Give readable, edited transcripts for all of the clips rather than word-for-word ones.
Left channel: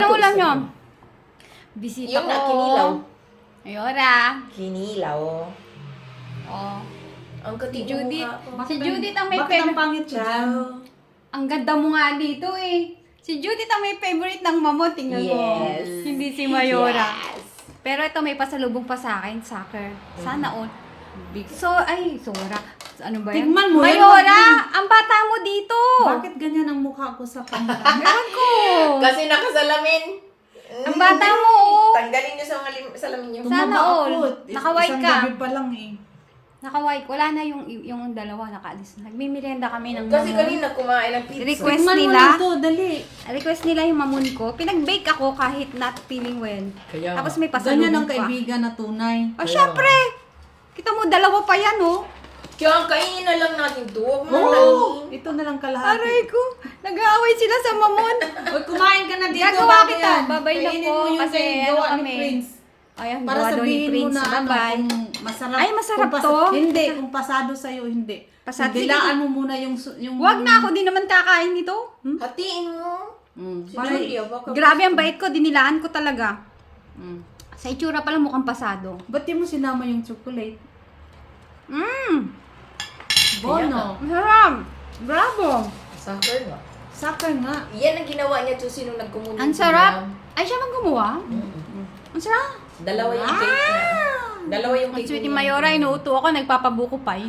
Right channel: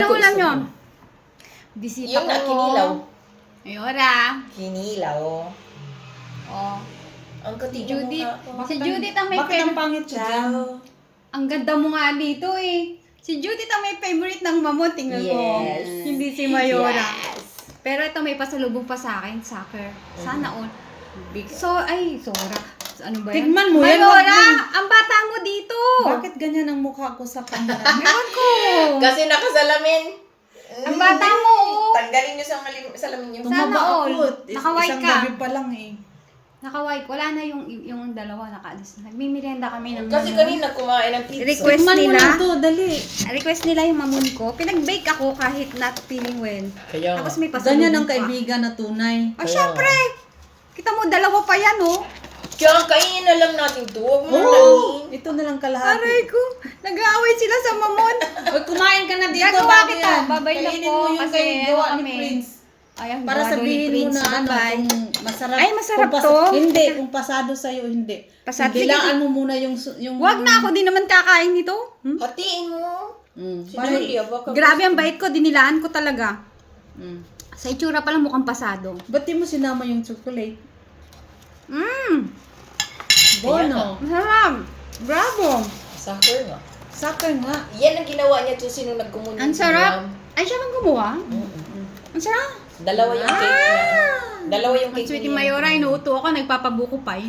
Ano ulam nyo? Bisita Yung ko. kinilaw. Ayora. Kinilaw. Oh. Ang Si kati Judith. mukha ko. Si Judith ang may Bakit ang favorite. pangit ko dyan? Ang ganda mo nga dito eh. Si Judith ang may favorite ng mamon. Tingnan mo. Yes. Hindi si Mayora. Yes. Pero ito may pasalubong pa sa akin. Soccer. Sana all. So, ay, Sora. Ano ba yan? Tigman mo yan, wag Mayora! yan. Ang bata mo dito! Bakit ganyan ang mukha ko sa camera? Ewan ko! Kasi nakasalamin. Ang bata mo, oh. Tanggalin niyo sa salamin niyo. Sana Tumaba all. ako. Naka-white Isang ka. gabi pa lang eh. Naka-white. Wala na yung dalawa nakaalis. Nagmimerienda kami ng Kasi mamon. kanina kumain ng pizza. Request Tigman mo nila. na ito, dali. Request nila yung mamon ko. Pinag-bake ako kahit not feeling well. Kaya Tapos may pasalubong Ganyan ang pa. kaibigan na tunay. Oh, syempre! Kita mo, dalawa pa yan, oh. Kaya kainin na lang natin to. Huwag mo Oo! nang Ito na lang kalahati. Aray ko. Nag-aaway sila sa mamon. Oy, kumain ka na dito Gagawa bago kita. yan. Babay na Kainin po mo yung kasi kay gawa ano ni kami. Prince. Ayan, Para gawa daw ni sabihin mo Prince. na ano, Bye-bye. kung masarap. Ay, masarap kung to. Hindi, kung pasado sa'yo, hindi. Pasado. Bilaan mo muna yung... Wag na ako, di naman kakain nito. hatiin mo. Para, Grabe ang bait ko, dinilaan ko talaga. mm. Sa itsura pala mukhang pasado. Ba't di mo sinama yung chocolate? Bono. Masarap. Bravo. Soccer nga. Saka nga. Yan ang ginawa niya to sino nagkumunit. Ang sarap. Ay, siya bang gumawa? Ang sarap. Dalawa yung cake niya. Dalawa yung Ang cake sweet ni niya. Mayora, inuuto ako, nagpapabuko pa eh.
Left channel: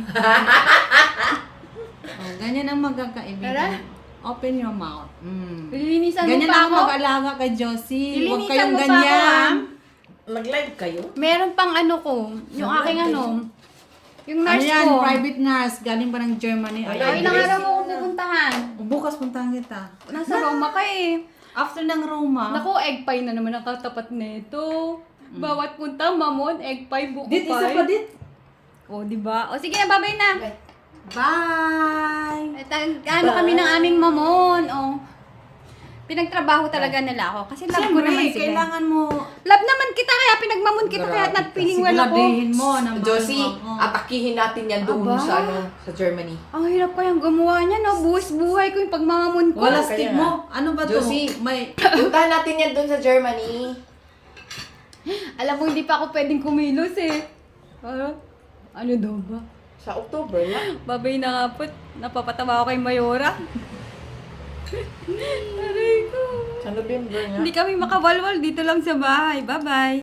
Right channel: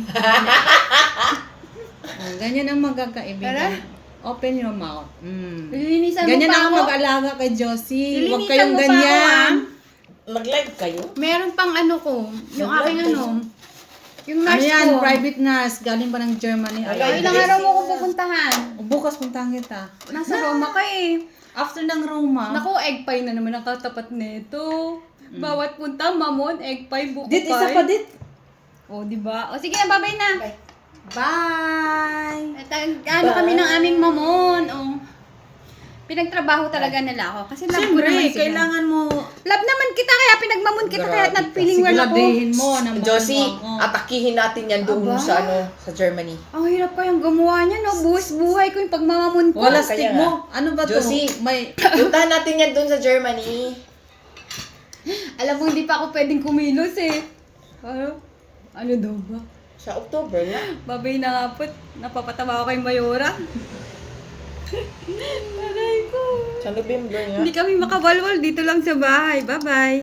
Oh, ganyan ang magkakaibigan. Tara. Open your mouth. Lilinisan Ganyan mo pa ako ako. mag-alaga kay Josie. Huwag Lilinisan kayong mo pa ganyan. Mag-live kayo? Meron pang ano ko, yung aking ano, yung Ano nurse yan? ko. Private nurse. Galing pa ng Germany. Ay, Ilang araw mo ko pupuntahan? Bukas puntahan kita. Nasa Roma ka eh. After ng Roma. Naku, egg pie na naman ang katapat nito. Bawat punta, mamon, egg pie, buko Dit, pie. isa pa dit. O, diba? O, sige na, babay na. Bye. Bye! At ano kami ng aming mamon. O, pinagtrabaho talaga nila ako. Kasi love ko naman Siyempre, sila. kailangan mo Love naman kita, kaya pinagmamon kita, kaya not feeling well ako. siguraduhin mo na mahal Josie, mo ako. atakihin natin yan doon Aba. sa sa Germany. Ang hirap kayang gumawa niya, no? Buwis buhay ko yung pagmamamon ko. Wala Kaya stick nga. mo. Ano ba to? Josie. May... Puntahan natin yan doon sa Germany. Alam mo, hindi pa ako pwedeng kumilos eh. Ano daw ba? Sa October na. Babay na nga po. Napapatawa ako kay Mayora. Aray ko. Sa November nga. Hindi kami makawalwal dito lang sa bahay. Bye-bye.